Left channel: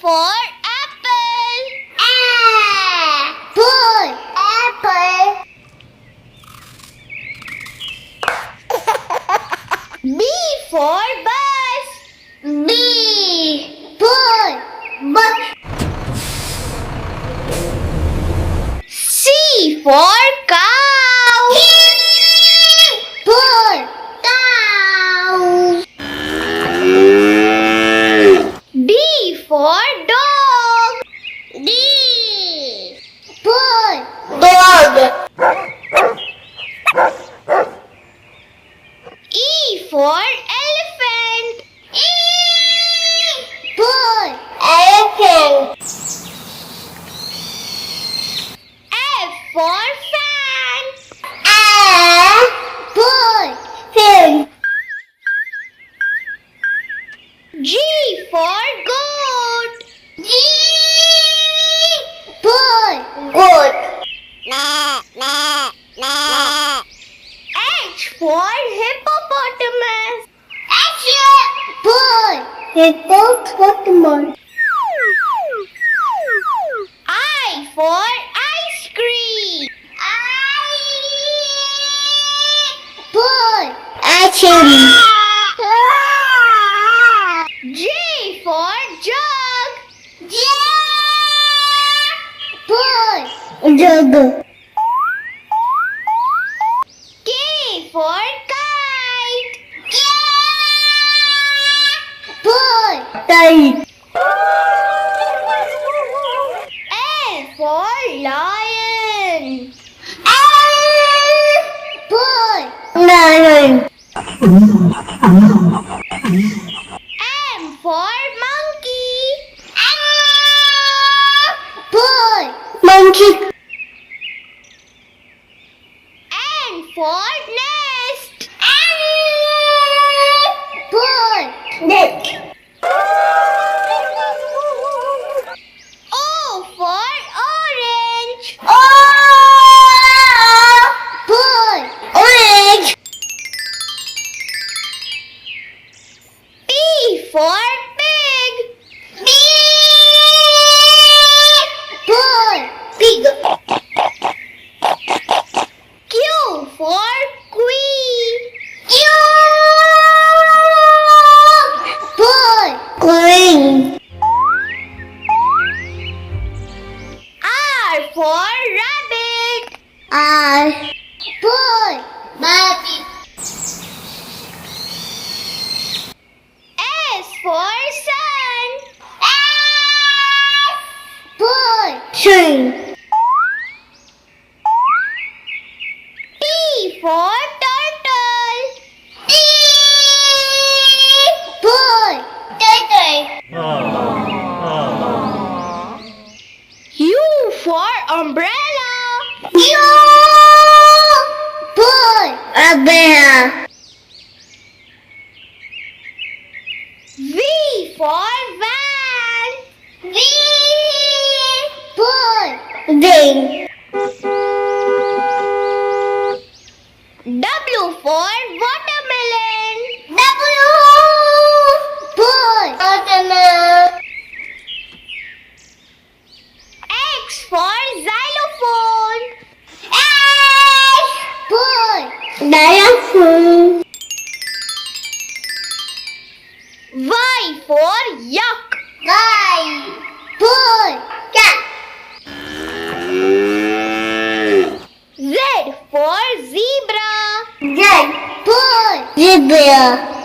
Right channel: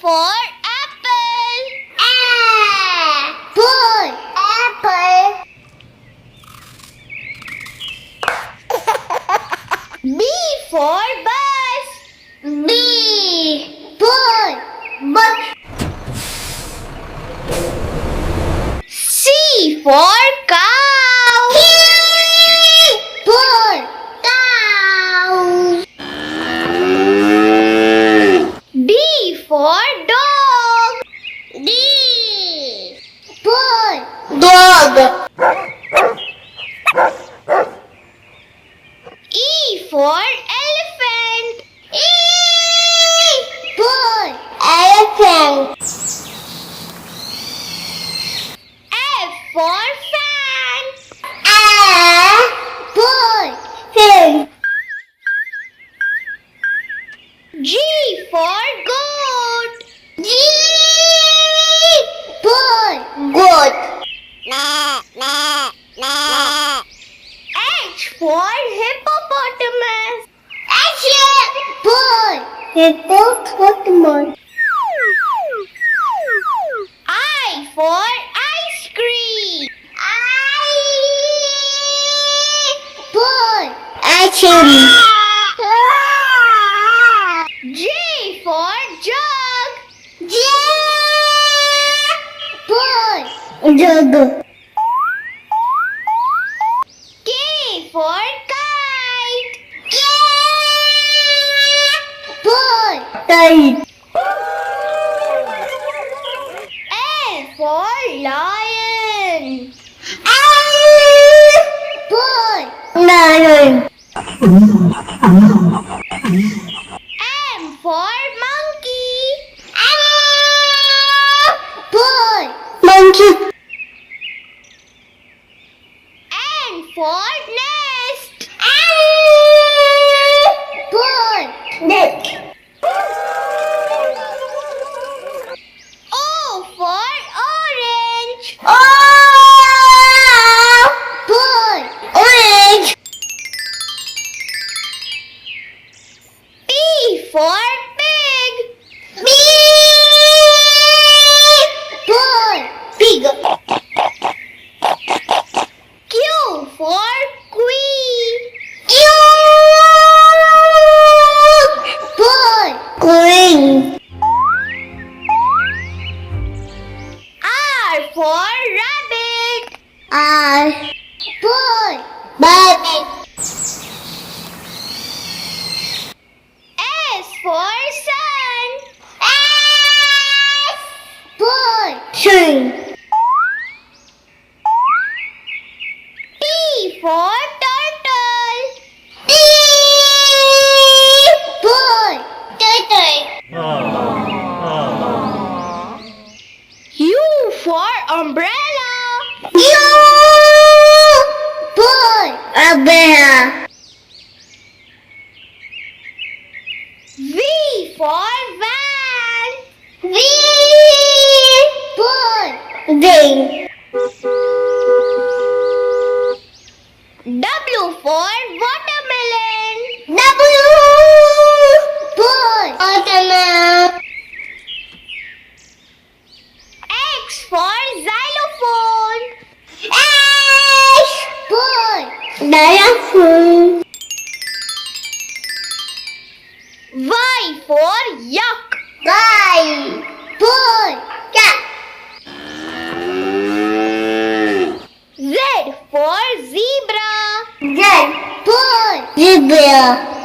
for apple. Apple. Apple. B for bus. B. Ball. Bus. C for cow. Ball. Cow. D for dog. D. Ball. Dog. E for elephant. Ball. Elephant. F for fan. Ball. Fan. G for goat. G. Ball. Goat. H for hippopotamus. Ball. Hippopotamus. I for ice cream. Ball. Action. J for jug. Ball. Jug. K for kite. Ball. Kite. L for lion. Ball. Lion. M for monkey. Ball. Monkey. N for nest. Ball. Net. O for orange. Ball. Orange. P for pig. Ball. Pig. Q for queen. Ball. Queen. R for rabbit. Ball. Baby. S for sun. Ball. Sun. T for turtle. Ball. Turtle. U for umbrella. Ball. Umbrella. V for van. Ball. Van. W for watermelon. Ball. Watermelon. X for xylophone. Ball. Xylophone. Y for yak. Ball. Cat. Z for zebra. Ball. Zebra.